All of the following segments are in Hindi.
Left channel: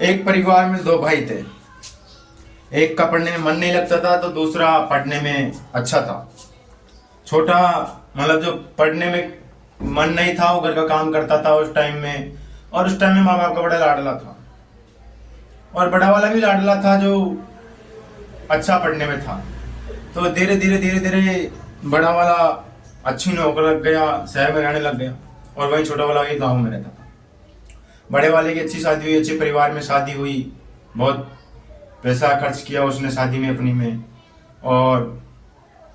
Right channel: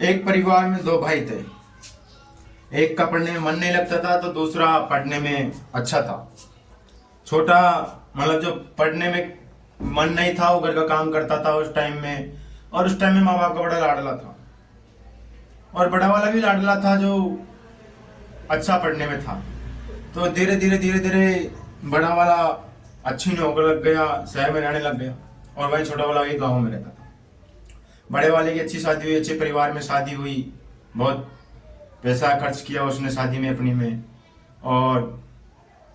एक परिवार में दो भाई थे। एक का पढ़ने में मन नहीं लगता था तो दूसरा पढ़ने में अच्छा था। छोटा मतलब जो पढ़ने में मन नहीं था वो घर का काम करता था उस टाइम में, और उस टाइम में माँ बाप का बड़ा लाडला था। और बड़ा वाला भी लाडला था जो अच्छा पढ़ने में था। तो धीरे धीरे बड़ा वाला अच्छी नौकरी लग गया, शहर में रहने लग गया, और वही छोटा वाला वही गाँव में रहता था। बड़े वाले की अच्छी शादी हुई, अच्छे परिवार में शादी हुई, बहुत पैसा खर्च किया उसने शादी में अपनी में, और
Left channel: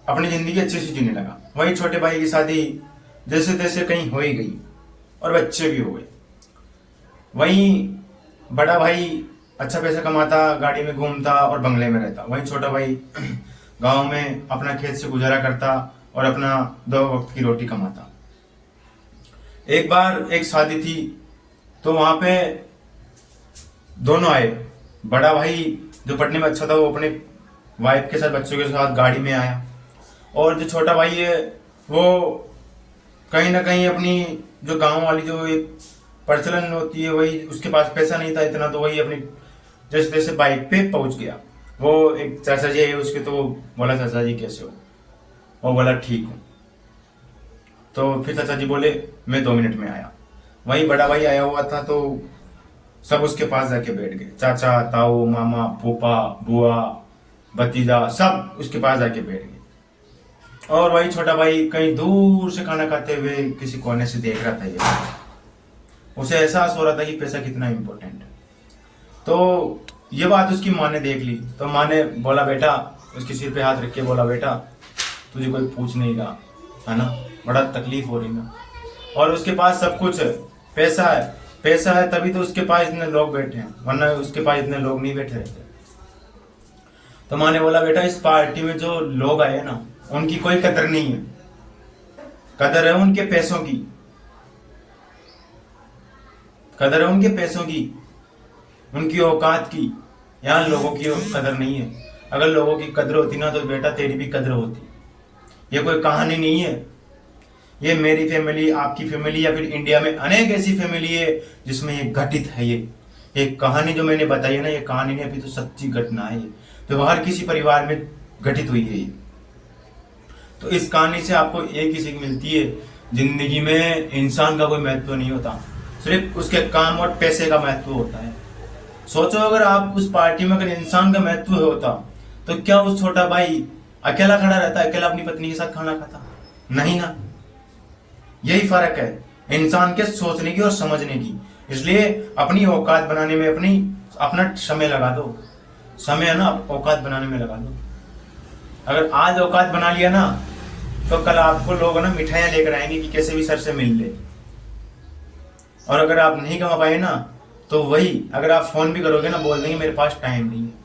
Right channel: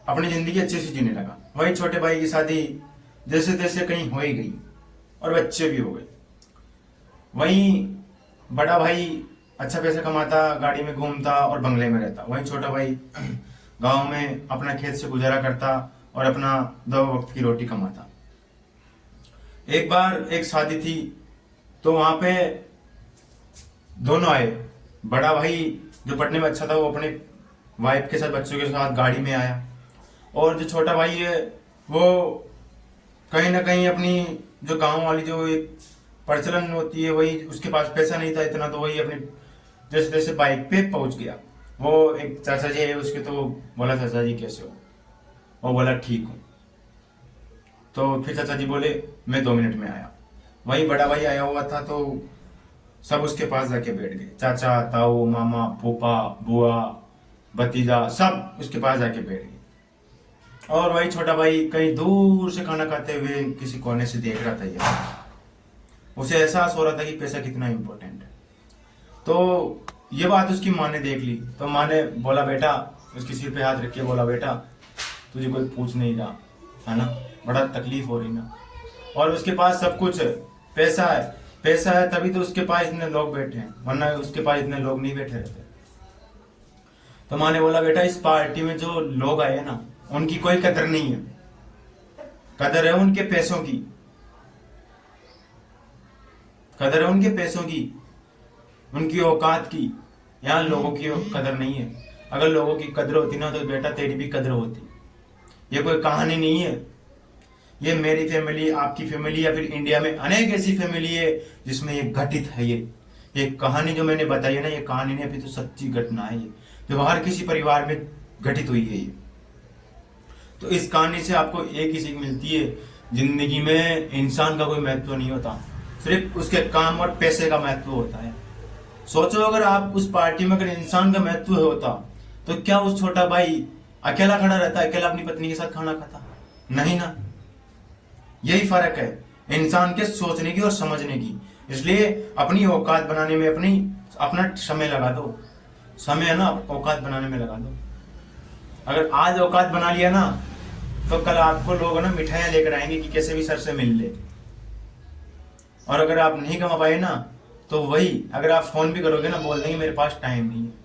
अपनी ज़िंदगी अच्छे से जीने लगा। वही छोटे भाई की शादी जैसे तैसे कहीं हो ही गई, और बच्चे भी हो गए। वहीं बड़ा भाई अच्छा पैसा कमाता, गाड़ी में घूमता और बंगले में रहता। वहीं छोटा भाई गांव में अपना खेत से गुजारा करता और अपना दो वक्त की रोटी कमाता। एक बार एक शादी थी, तो वहां पे दोनों आए। बड़ा भाई जो पढ़ने में अच्छा था वो अपने वाइफ के साथ बच्चों के साथ गाड़ी में आया, और जो छोटा भाई है वो कहीं ना कहीं अपनी जो गांव वाली जो एक प्रचलन होती है, वही उसके पास पैसा नहीं था इतना, तो वही अपनी जैसे तैसे बाइक पे पहुंच गया। वो एक चाचा जी है उसके, तो बोला चाचा जी कैसे हो, वो बोला ठीक हूँ। तो फिर चाचा जी बोले मैं 2 मिनट में आया। वही बड़ा भाई आया हुआ था, तो सब उसके पास जाके बैठ गए। चाचा, ताऊ, मामा, फूफा, बुआ, भतीजा, सब उसके पास जाके बैठ गए। और वही छोटा भाई कहीं दूर से खाना खाते हुए किसी कोने से देख रहा था। ये उसे एहसास हो रहा था कि पैसा कितना इम्पोर्टेंट है। तो ये बात उसकी माँ ने देख ली, तो माँ ने बोला बेटा, उसके सिर पे हाथ रख के बोला बेटा तुझे कोई पूछ नहीं रहा है ना, बड़ा तकलीफ हो रही ना, और उसके पास सब कुछ है, पैसा है। पैसा है तभी तो उसके पास इतने लोग बैठे हैं, वरना उसके पास इतने लोग नहीं बैठे रहते। तो माँ ने बोला बेटा इस पार्टी में जो लोग आए ना उनकी कोई कदर नहीं है, कदर है उनके पैसों की, कदर है उनके पैसों की, उनकी औकात की। यहाँ लोगों की कदर नहीं है। अगर लोगों की कदर होती ना तो बेटा तेरी भी कदर होती। ये कोई कहानी नहीं है, ये मेरी फैमिली, आपकी फैमिली, या फिर इंडिया में अनेक ऐसी फैमिली है जिसमें ये घटित है। ये कहानी जो मैंने बताई है ना, ये कहानी नहीं, अभी तो सच्ची घटना है जो हर किसी परिवार में घटित हुई है ये। तो इस कहानी से आपको एक ही सीख मिलती है, जिंदगी में इंसान का कोई महत्व नहीं होता, सिर्फ उसके काम और पैसे का महत्व होता है। सोचो अगर आप उस पार्टी में अगर इंसान का महत्व होता तो क्या उस छोटा भाई अकेला खड़ा रहता, अकेला अपनी पत्नी के साथ खाना खाता? नहीं ना। यही फर्क है इंसान के सोचने की और समझने की। इसलिए अपनी औकात बनाने में अपना समय लगा दो। समय है ना, औकात बनाने में लगा दो। अगर आज औकात बना लिया ना तो कल आपको लोग ना मिठाइयां लेकर आएंगे कि कैसे भी सर से मिल ले। और अगर आप नहीं कमा पाए ना तो वही अगर आप फोन भी करोगे ना बोल देंगे मेरे पास टाइम नहीं है।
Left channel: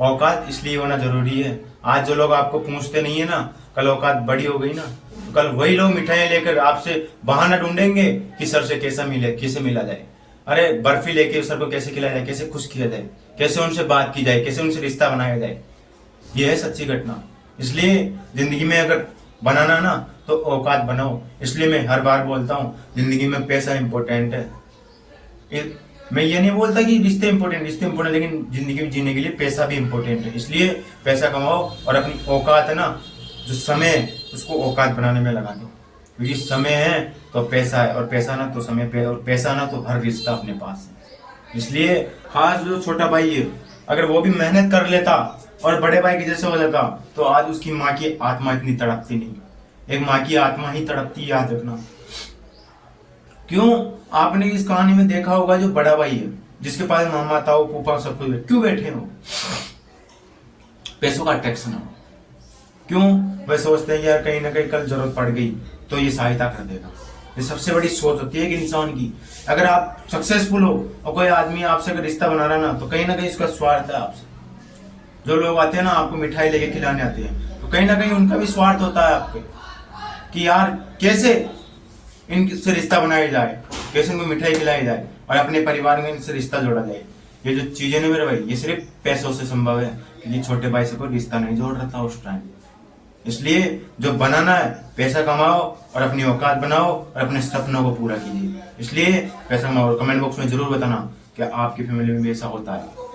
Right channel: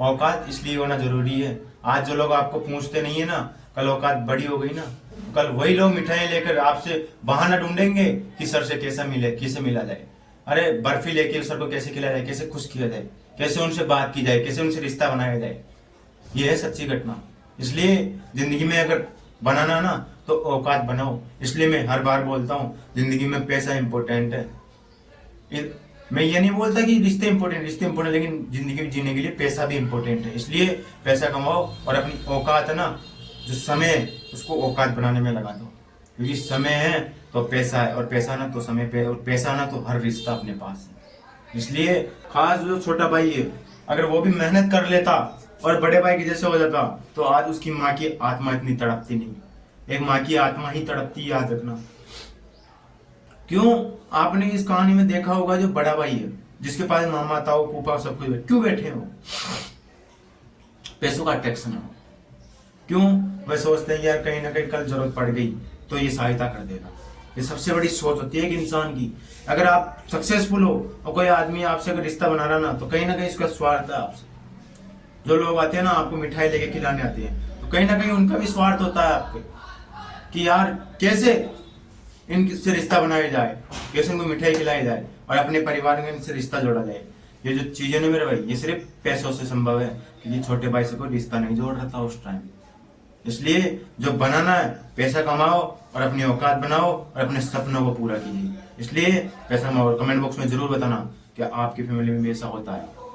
औकात इसलिए होना जरूरी है। आज जो लोग आपको पूछते नहीं है ना, कल औकात बड़ी हो गई ना तो कल वही लोग मिठाइयां लेकर आपसे बहाना ढूंढेंगे कि सर से कैसे मिला जाए। अरे बर्फी लेके सर को कैसे खिलाया जाए, कैसे खुश किया जाए, कैसे उनसे बात की जाए, कैसे उनसे रिश्ता बनाया जाए। ये है सच्ची घटना। इसलिए जिंदगी में अगर बनाना ना तो औकात बनाओ। इसलिए मैं हर बार बोलता हूँ जिंदगी में पैसा इंपॉर्टेंट है। मैं ये नहीं बोलता कि रिश्ते इंपॉर्टेंट, लेकिन जिंदगी में जीने के लिए पैसा भी इंपॉर्टेंट है। इसलिए पैसा कमाओ और अपनी औकात है ना, जो समय है उसको औकात बनाने में लगा दो। क्योंकि समय है तो पैसा है, और पैसा ना तो समय पे, और पैसा ना तो हर रिश्ता अपने पास है। इसलिए खास जो छोटा भाई है अगर वो भी मेहनत कर लेता और बड़े भाई के जैसे हो जाता तो आज उसकी माँ की आत्मा इतनी तड़पती नहीं। एक माँ की आत्मा ही तड़पती, याद रखना। क्यों? आपने इस कहानी में देखा होगा जो बड़ा भाई है जिसके पास मामा, ताऊ, फूफा सब कुछ है, क्यों बैठे हो? पैसों का अट्रैक्शन है। क्यों? वह सोचते हैं यार कहीं ना कहीं कल जरूरत पड़ गई तो ये सहायता कर देगा। ये सबसे बड़ी सोच होती है कि इंसान की। अगर आप सक्सेसफुल हो और कोई आदमी आपसे अगर रिश्ता बना रहा ना तो कहीं ना कहीं उसका स्वार्थ है आपसे। जो लोग आते हैं ना आपको मिठाई लेके खिलाने आते हैं तो कहीं ना कहीं उनका भी स्वार्थ होता है आपके, कि यार कैसे इनसे रिश्ता बनाया जाए, कैसे इनको मिठाई खिलाई जाए और अपने परिवार में इनसे रिश्ता जोड़ा जाए। ये जो चीजें ना मेरे भाई ये सिर्फ पैसों से संभव है, क्योंकि छोटे भाई से कोई रिश्ता नहीं जोड़ रहा था उस टाइम। इसलिए जो बनाना है पैसा कमाओ और अपनी औकात बनाओ और अपने सपनों को पूरा कीजिए। इसलिए पैसा कमाओ। और कमेंट बॉक्स में जरूर बताना क्या आपकी फैमिली में भी ऐसा होता है?